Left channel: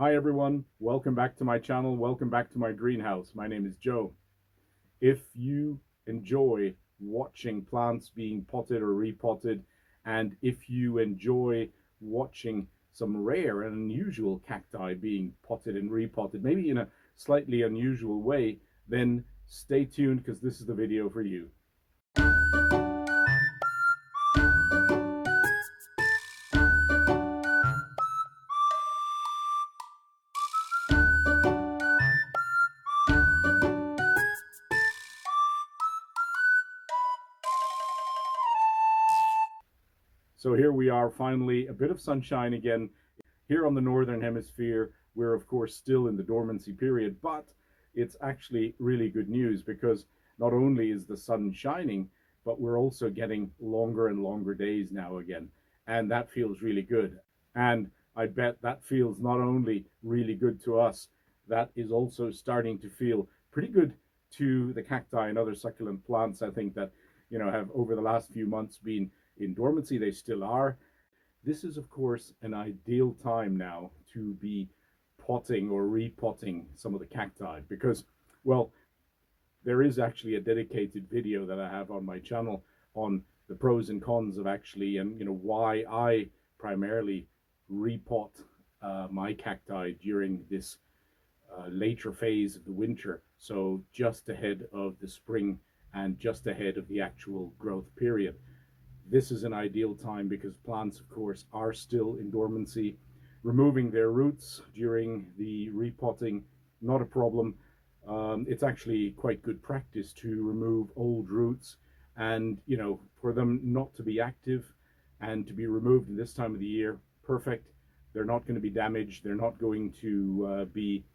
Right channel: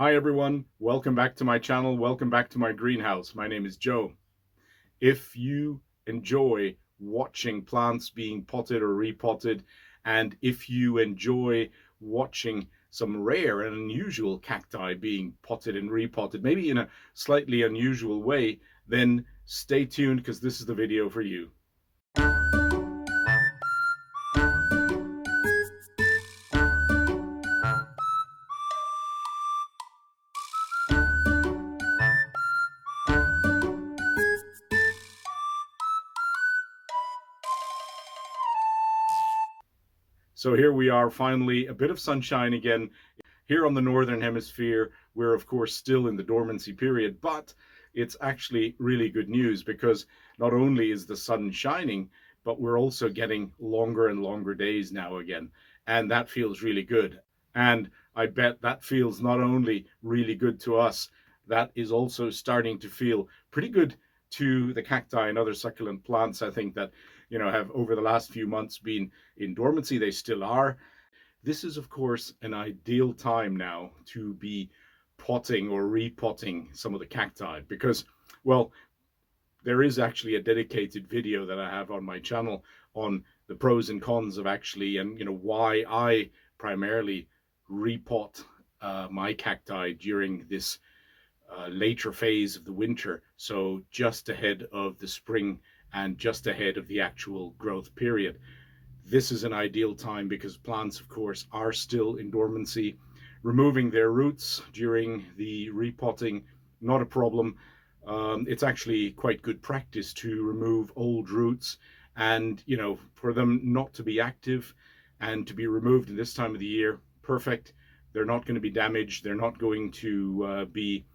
Hi everyone, welcome back to my channel, welcome back to my greenhouse. My name is Joe. If you enjoy watching plants being potted or repotted, and if you enjoy watching some rare and unusual cacti being potted and repotted, maybe in a slightly unusual way, then stay tuned because this is the video for you. So here we are, finally, a bit of sunshine again. Here on the Northern Hemisphere, we're of course still in the dormancy period, but it's actually really good news because not only is the sun shining, but we're also getting longer and longer days now again. And that feels really good. And I bet that feels not only really good to us, that is also starting to feel pretty good to the cacti and other succulent plants. I think that, have over the last few months been in dormancy. They still are. This is, of course, an ideal time now to be potting or repotting some of the cacti because, well, there is actually a dedicated video that I have on my channel on the pros and cons of actually, and why I primarily repot my cacti during this later phase of the winter, so just ahead of the spring and just ahead of the actual growth period. This is an ideal time because plants, of course, are still in dormancy. Removing their roots during the repotting, not a problem. It's actually quite good practice to remove old roots and, for them not to be active and to be removed in this time of the year, perfect. They're not going to be damaged. They're not going to be,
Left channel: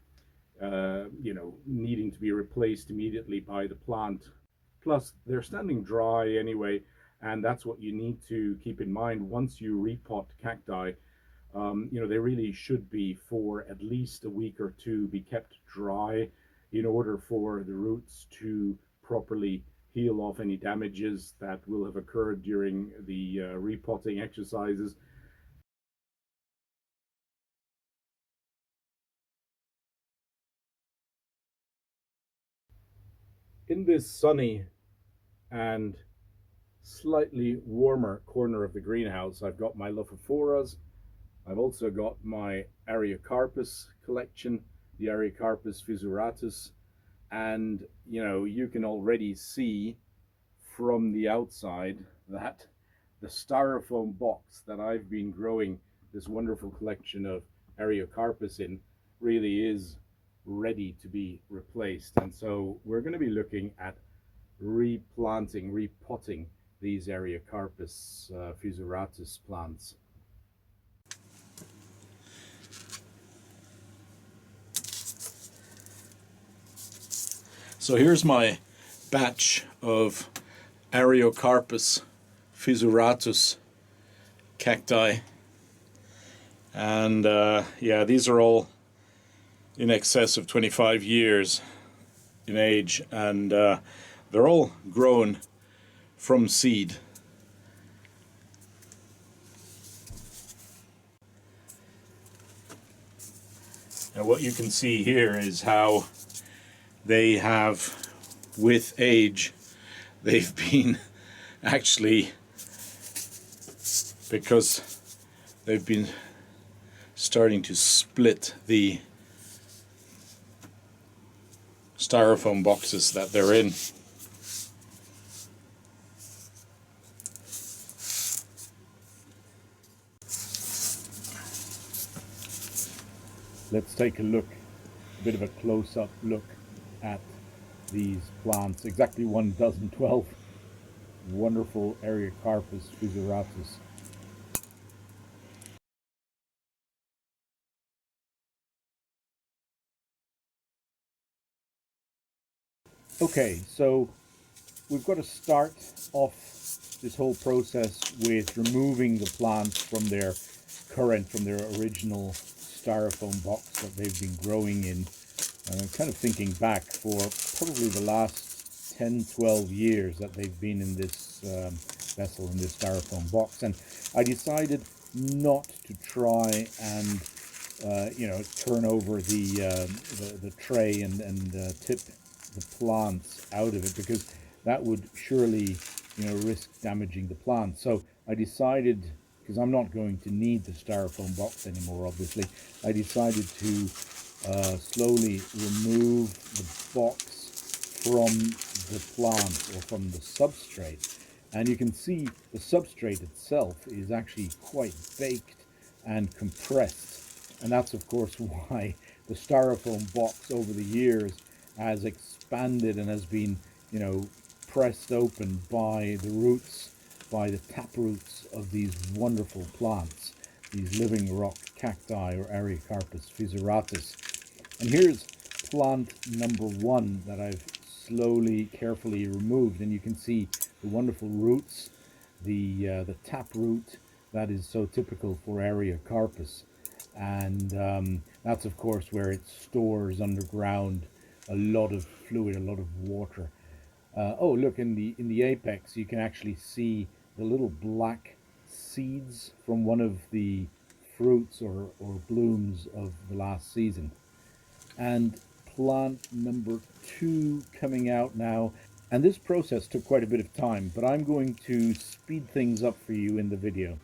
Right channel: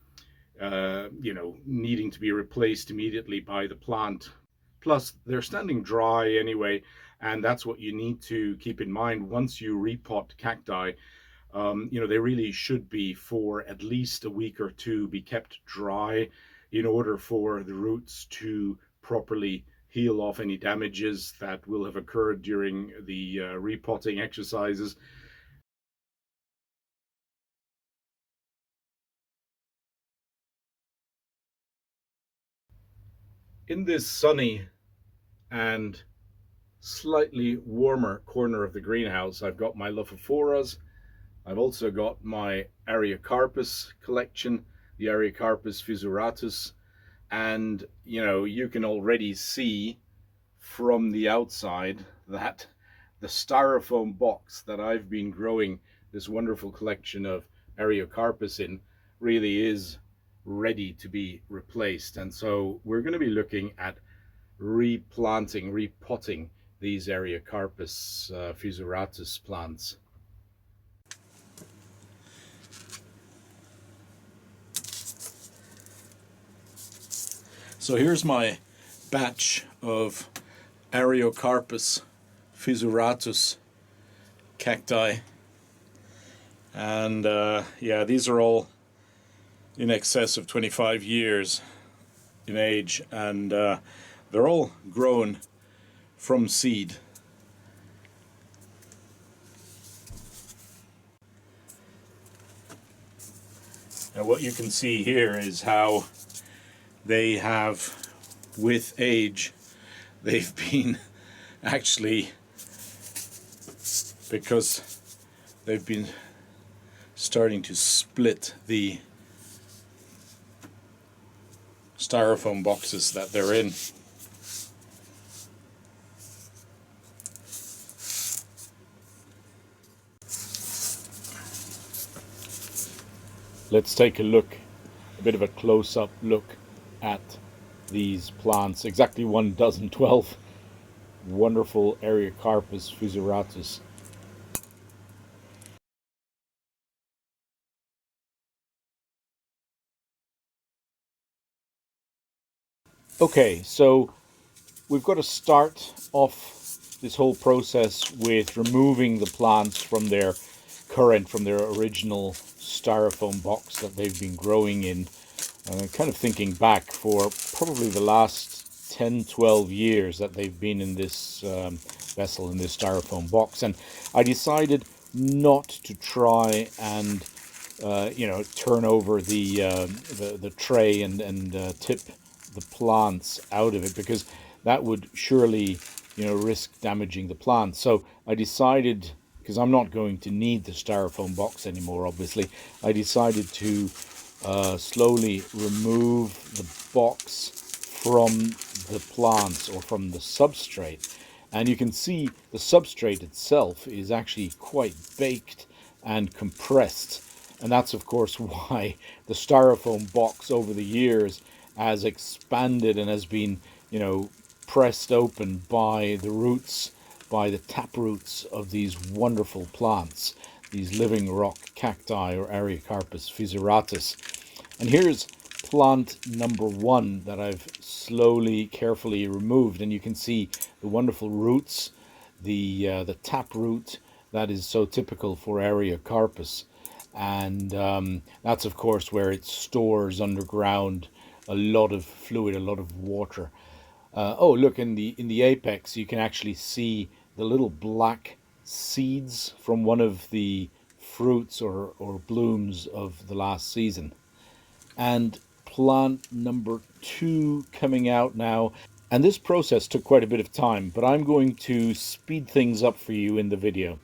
needing to be replaced immediately by the plant. Plus, they're standing dry anyway, and that's what you need to keep in mind once you repot cacti. They really should be, for at least a week or two, be kept dry in order for the roots to properly heal off any damages that will have occurred during the repotting exercises. In this sunny and slightly warmer corner of the greenhouse, I've got my Lophophoras. I've also got my Ariocarpus collection, the Ariocarpus fissuratus, and you can already see from the outside that the styrofoam box that I've been growing this wonderful collection of Ariocarpus in really is ready to be replaced. And so we're going to be looking at replanting, repotting these Ariocarpus fissuratus plants. So here's my batch of Ariocarpus fissuratus cacti, and yeah, these are all in excess of 25 years in age, and they're all grown from seed. And what you can see here is how they have, with age, they've been actually, because they've been starting to split the styrofoam boxes that they're in. Let's take a look, a bit of a close-up look at these plants. Exactly 12 wonderful Ariocarpus fissuratus. Okay, so we've got to start off this whole process with removing the plants from their original styrofoam box that they've been growing in. And I'm kind of thinking back for probably the last 10-12 years that they've been in this vessel, in this styrofoam box, and I decided not to try and turn over the tray and tip the plants out of it, because that would surely, risk damaging the plants. So I decided, because I'm not going to need the styrofoam box anymore, obviously, I decided to slowly remove the box from the plants, or from the substrate. And you can see the substrate itself is actually quite baked and compressed. And that's, of course, why the styrofoam box over the years has expanded and has been, pressed open by the roots, by the tap roots of these wonderful plants, these living rock cacti, or Ariocarpus fissuratus. And here's plant number one that I've slowly, carefully removed, and you can see the wonderful roots, the tap root that is so typical for Ariocarpus. And that's, of course, where it stores underground a lot of fluid, a lot of water. Oh, look, in the apex, you can actually see the little black seeds from one of the fruits or blooms of the last season. And plant number two coming out now. And this process took quite a bit of time, but I'm going to speed things up for you in the video.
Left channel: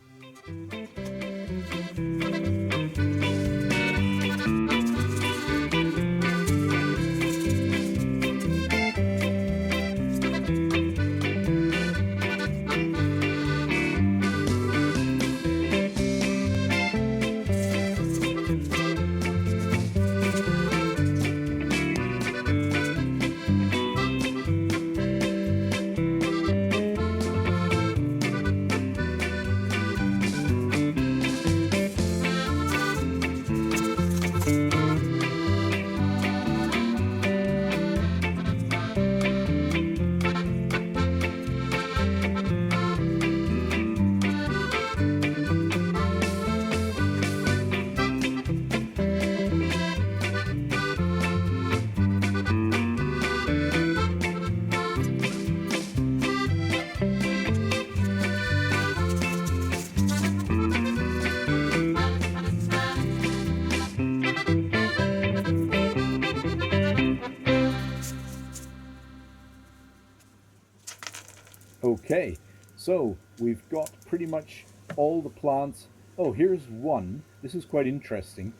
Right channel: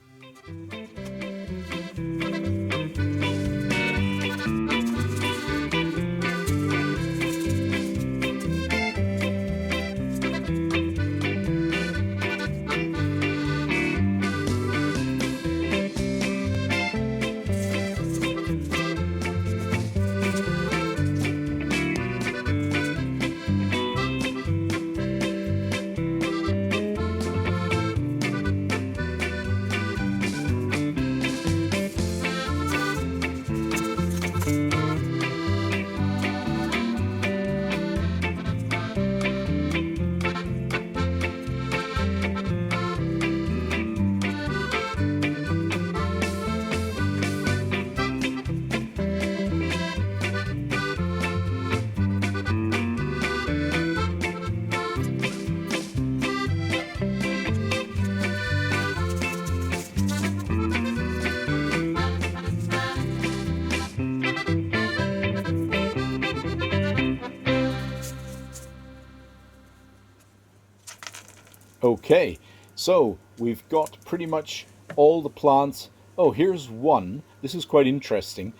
Okay, so we've got pretty much all the plants. Oh, here's one. This is quite interesting.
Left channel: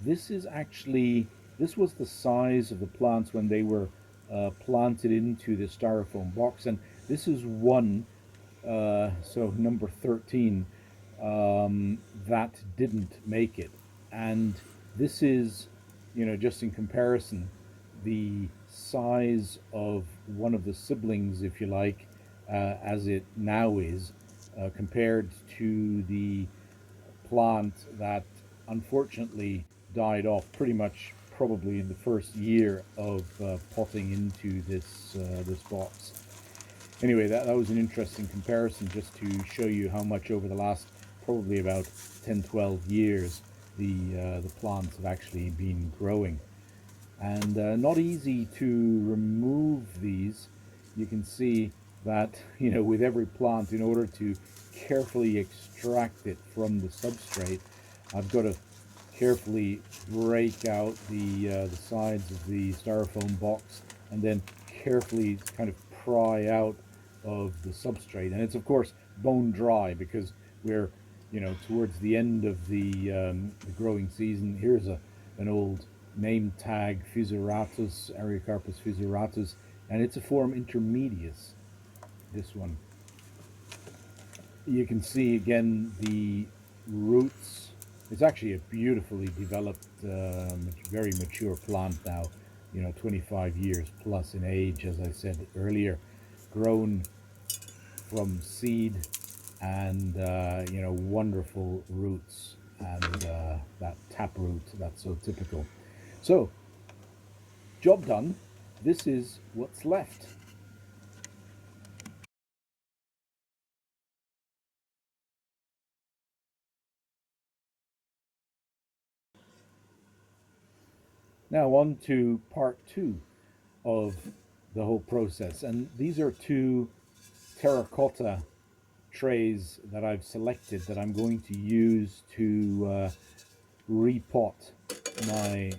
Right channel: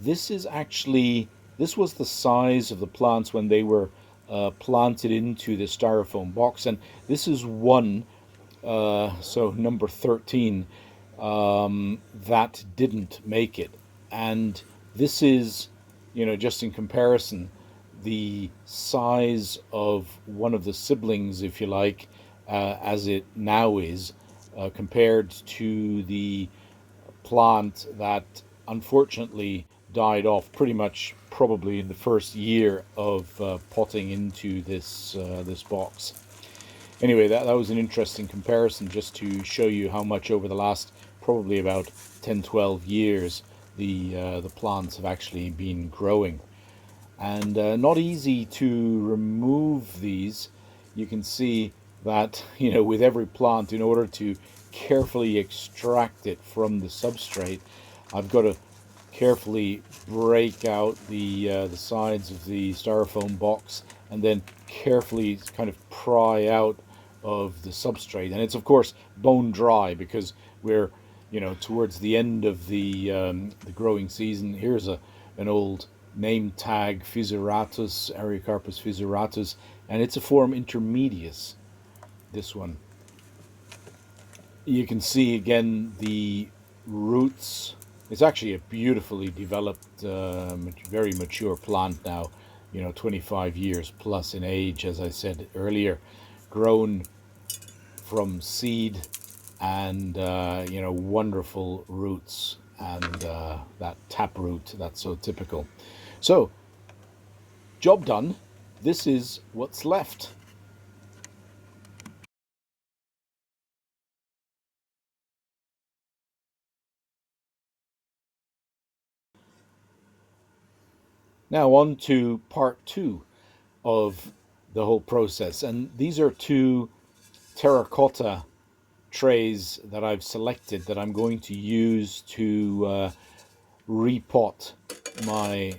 This was the size of the plants when they were planted into the styrofoam box, and this is one, so number 13, that didn't make it. And this is, just in comparison, the size of one of the siblings, if you like, as it now is, compared to the plant that unfortunately died off pretty much probably in the first year of potting into this box. Anyway, that was an interesting comparison, just to show you how much over the last probably about 10-12 years the plants have actually been growing. And not easy to remove these. You can see that, with every plant, in order to carefully extract it from the substrate, I've got to carefully break out the sides of the styrofoam box, and then carefully kind of pry out of the substrate. And it's, of course, bone dry, because we're towards the end of the growing season. Here's an old name tag, fissuratus, Ariocarpus fissuratus, and it's a form intermedius, this one. You can see again the roots. It's actually a beautifully developed, very mature plant now, 25 years plus in age, as I said earlier, grown from seed, and wonderful roots, and that tap root that's so typical. So, job done. This is what's left. Now on to part two of the whole process, and these are two terracota trays that I've selected that I'm going to use to repot my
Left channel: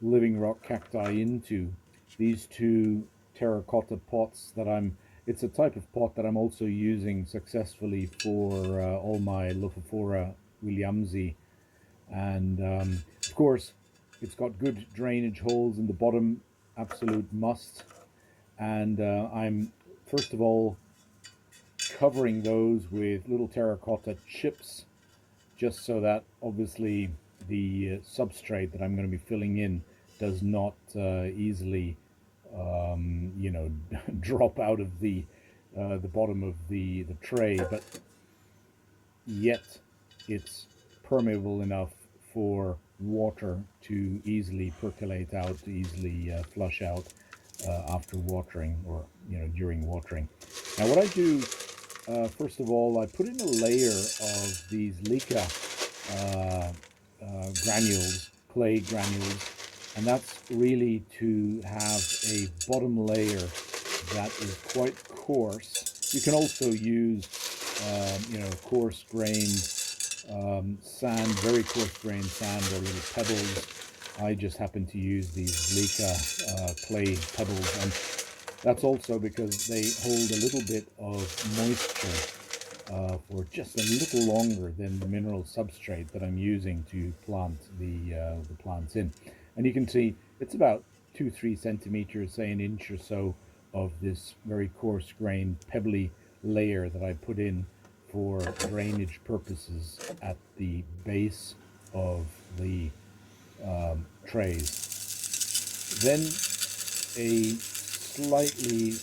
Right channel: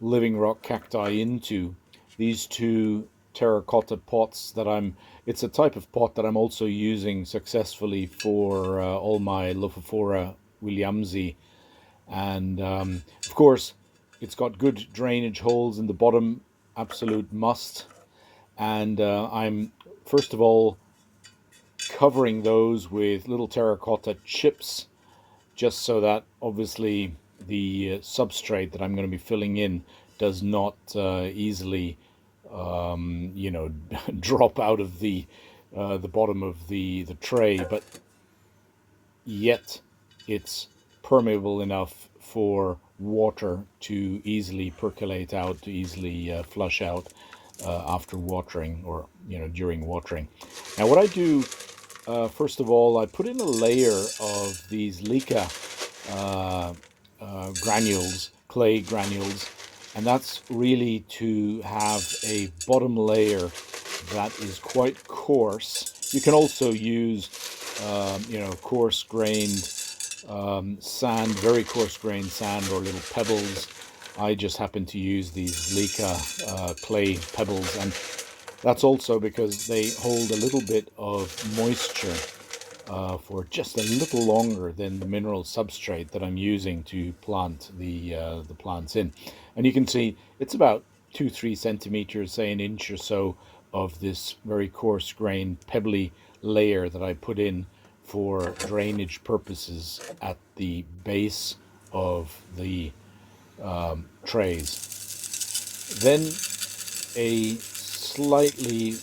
Living Rock Cacti into these two terracotta pots that it's a type of pot that I'm also using successfully for all my Lophophora williamsi. And of course, it's got good drainage holes in the bottom, absolute must. And I'm first of all covering those with little terracotta chips, just so that obviously the substrate that I'm going to be filling in does not easily, drop out of the bottom of the tray, but yet it's permeable enough for water to easily percolate out, to easily flush out after watering, or during watering. Now what I do, first of all, I put in a layer of these leca granules, clay granules, and that's really to have a bottom layer that is quite coarse. You can also use coarse-grained sand, very coarse-grained sand, or little pebbles. I just happen to use these leca clay pebbles, and that's also because they hold a little bit of moisture for just a little longer than the mineral substrate that I'm using to plant the plants in. And you can see it's about 2-3 centimeters, say an inch or so, of this very coarse-grained pebbly layer that I put in for drainage purposes at the base of the trays. Then a slightly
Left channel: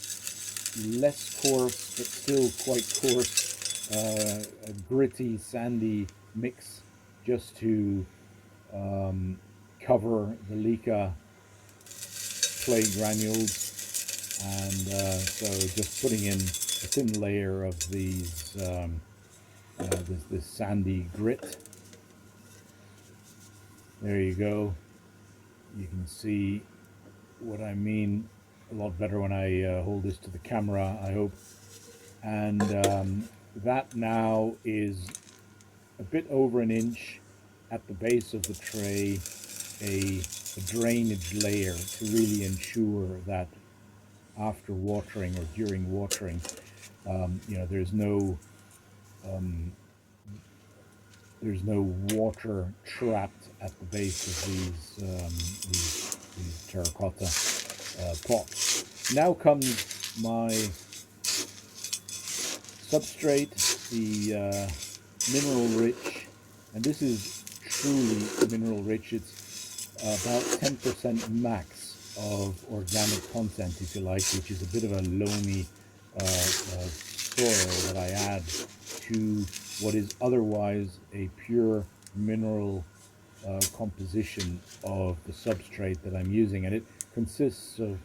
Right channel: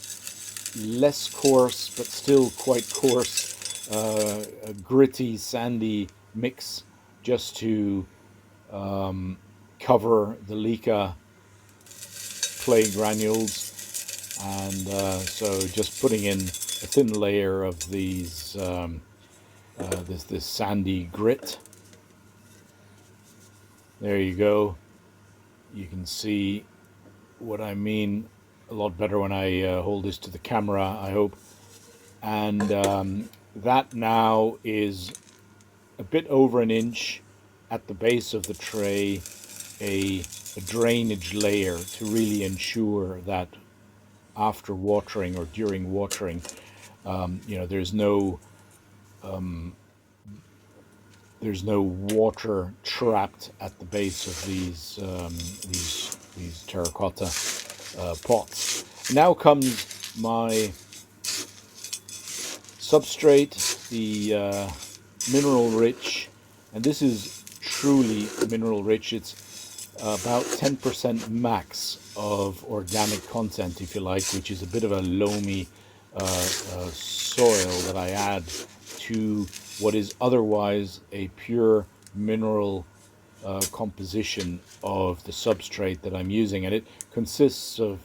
less coarse but still quite coarse a gritty sandy mix, just to cover the leca clay granules, and so just putting in a thin layer of these this sandy grit. There you go. You can see what I mean a lot better when I hold this to the camera, I hope. And that now is a bit over an inch at the base of the tray, a drainage layer to really ensure that after watering or during watering, there's no water trapped at the base of these terracotta pots. Now comes my substrate, the mineral rich, and this is truly mineral rich. It's about 10% max of organic content, if you like, which is a bit of a loamy soil that I add to what is otherwise a pure mineral composition of the substrate that I'm using. And it consists of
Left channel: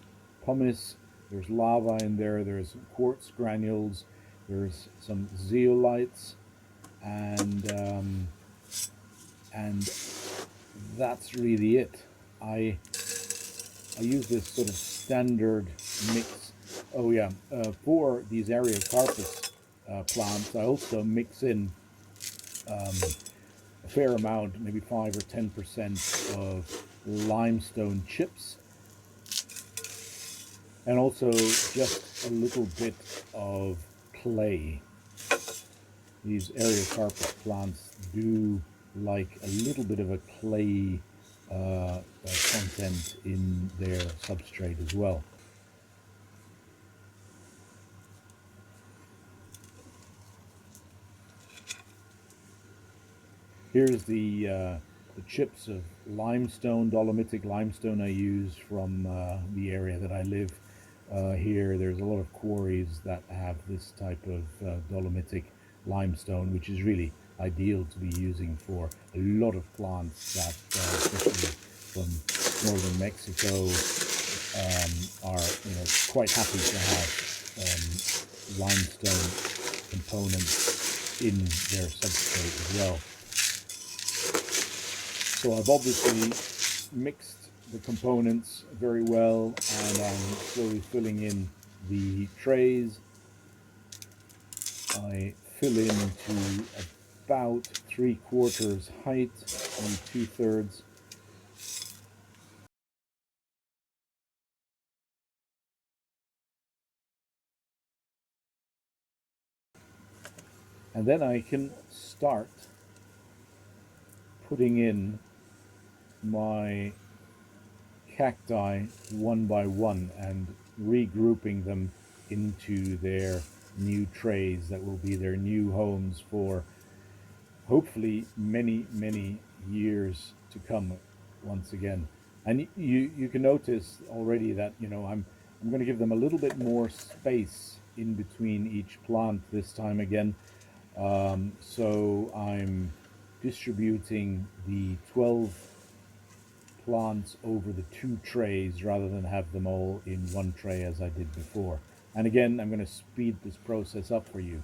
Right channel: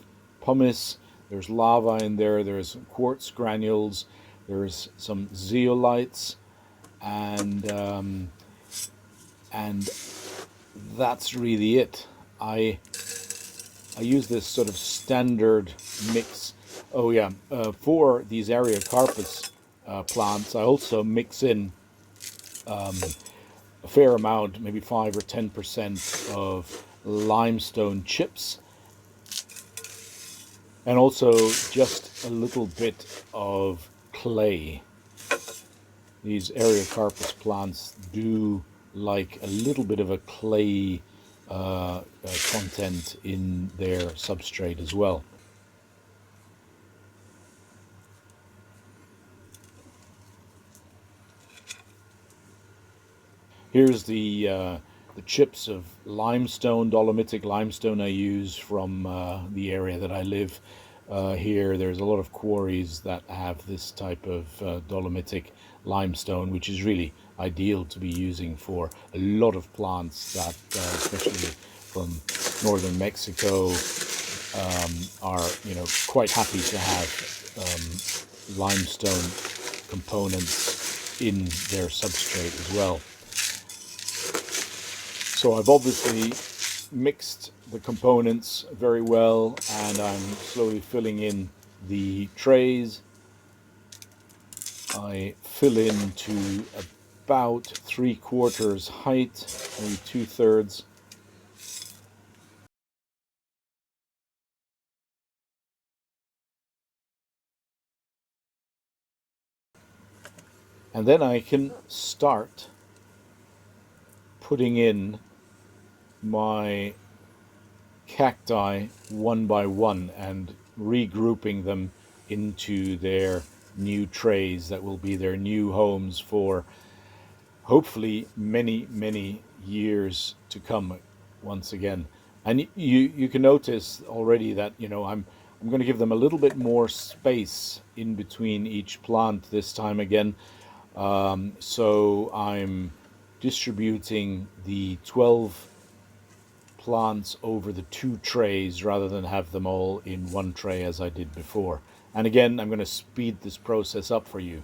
pumice, there's lava in there, there's quartz granules, there's some zeolites, and that's really it. I use this sort of standard mix. Oh yeah, for these Ariocarpus plants, I also mix in a fair amount, maybe 5 or 10% of limestone chips, and also just a little bit of clay. These Ariocarpus plants do like a little bit of a clay content in their substrate as well. Here's the chips of limestone, dolomitic limestone I use from the area that I live here. There's a lot of quarries that have this type of dolomitic limestone, which is really ideal to be using for a lot of plants that, especially from northern Mexico, are quite happy to have limestone components in their substrate as well. So I've obviously mixed the components very well, and I'm slowly filling in the trays. I fill into about 3/4 height, maybe 2/3. And then I can start putting in my cacti one by one and regrouping them into their new trays that will be their new homes for hopefully many, many years to come once again. And you can notice already that, I'm going to give them a little bit more space in between each plant this time again. So I'm distributing the 12 plants over the 2 trays rather than have them all in one tray as I did before. And again, I'm going to speed this process up for you.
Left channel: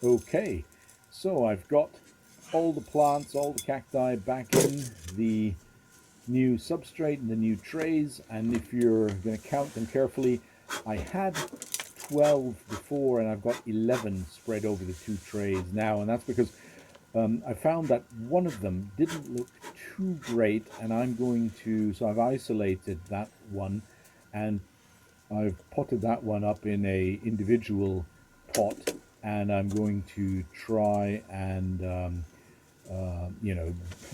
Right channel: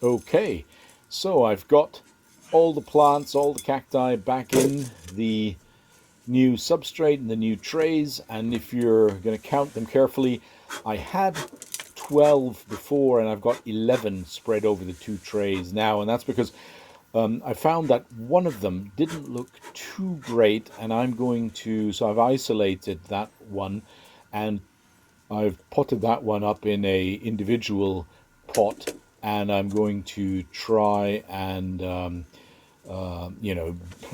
Okay, so I've got all the plants, all the cacti back in the new substrate and the new trays, and if you're going to count them carefully, I had 12 before and I've got 11 spread over the 2 trays now, and that's because I found that one of them didn't look too great, and so I've isolated that one and I've potted that one up in a individual pot, and I'm going to try and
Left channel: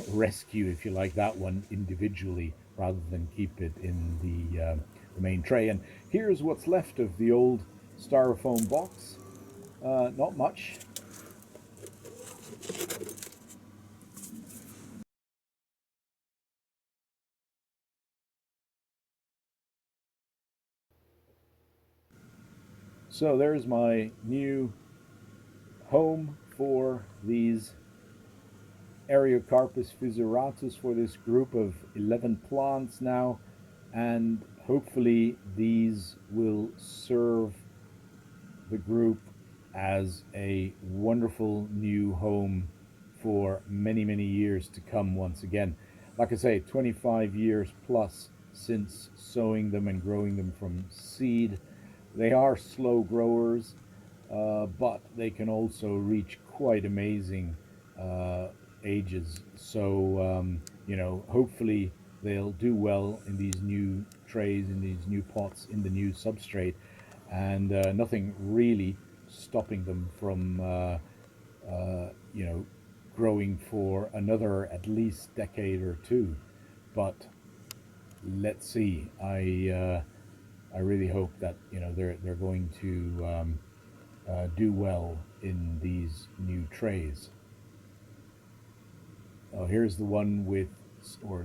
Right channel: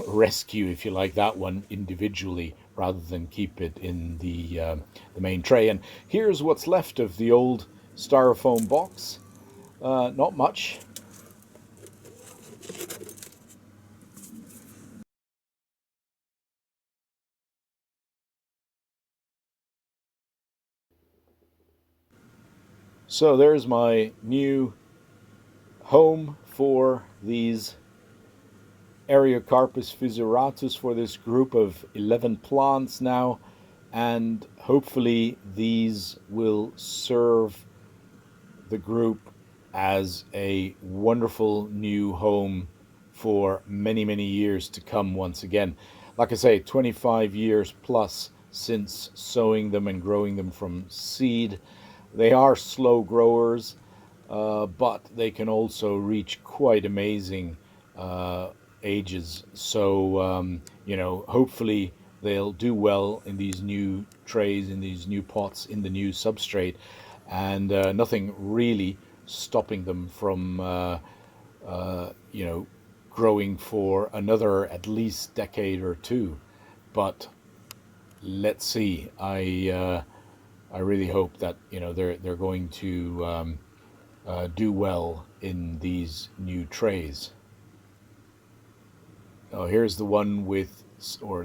rescue, if you like, that one individually rather than keep it in the main tray. And here's what's left of the old styrofoam box. Not much. So there's my new home for these Ariocarpus fissuratus, for this group of 11 plants now, and hopefully these will serve the group as a wonderful new home for many, many years to come once again. Like I say, 25 years plus since sowing them and growing them from seed. They are slow growers, but they can also reach quite amazing ages. So, hopefully they'll do well in these new trays, in these new pots, in the new substrate, and nothing really stopping them from, growing for another at least decade or two. But let's see. I really hope that they're going to do well in these new trays. Oh, here's the one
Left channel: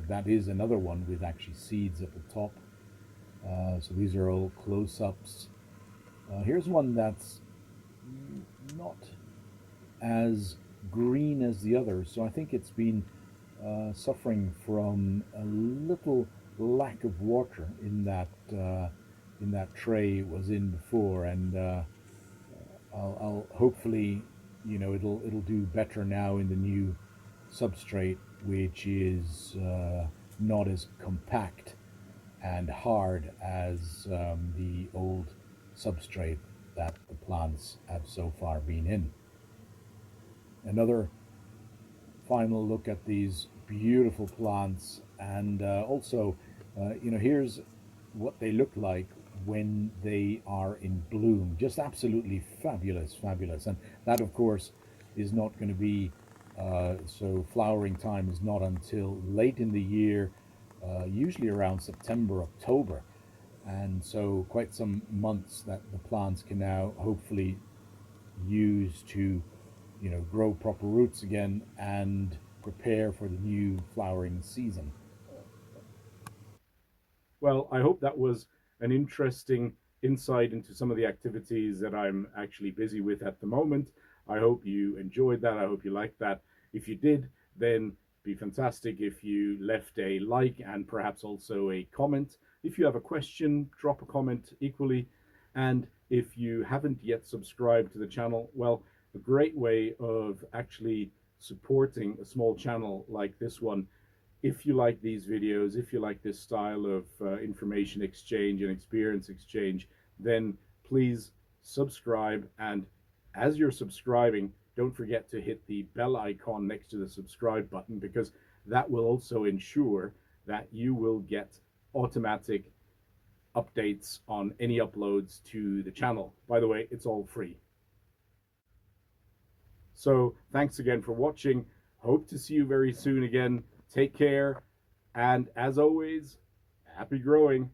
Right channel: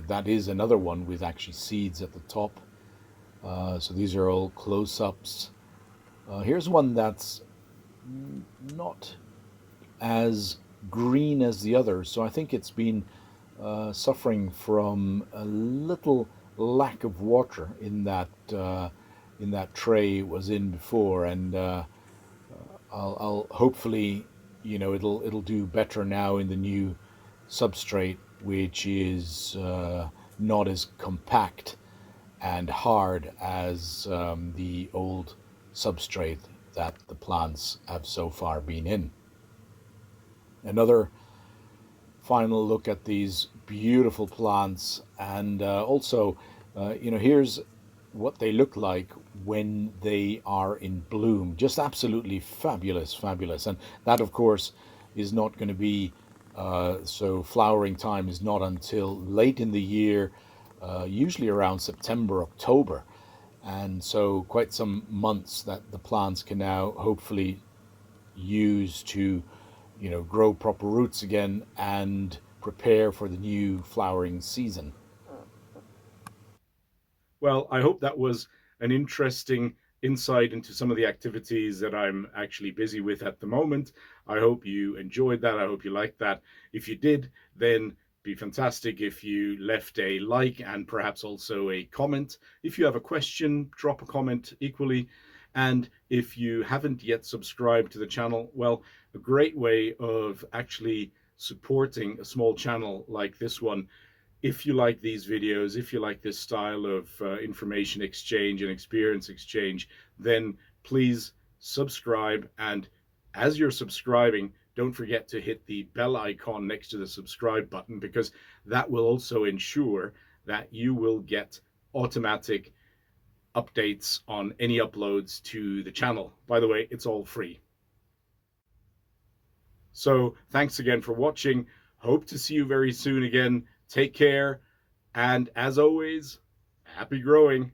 that is another one with actually seeds at the top. So these are all close-ups. Here's one that's not as green as the others, so I think it's been suffering from a little lack of water in that tray it was in before, and I'll hopefully it'll do better now in the new substrate, which is not as compact and hard as the old substrate that the plants have so far been in. Another final look at these beautiful plants, and also, here's what they look like when they are in bloom. Just absolutely fabulous, fabulous. And that, of course, is not going to be so flowering time is not until late in the year, usually around September, October. And so, quite some months that the plants can now hopefully use to, grow proper roots again and prepare for the new flowering season. Well, I hope that was an interesting insight into some of the activities that I'm actually busy with at the moment. I hope you enjoyed that. I hope you liked that. If you did, then be fantastic if you left a like and perhaps also a comment. If you have a question, drop a comment equally. And if you haven't yet subscribed to the channel, well, a great way of actually supporting a small channel like this one, if you like these videos, if you like this style of information exchange and experience exchange, then please subscribe. And as you're subscribing, don't forget to hit the bell icon next to the subscribe button, because that will also ensure that you will get automatic updates on any uploads to the channel. By the way, it's all free. So thanks again for watching. Hope to see you very soon again. Take care. And as always, happy growing.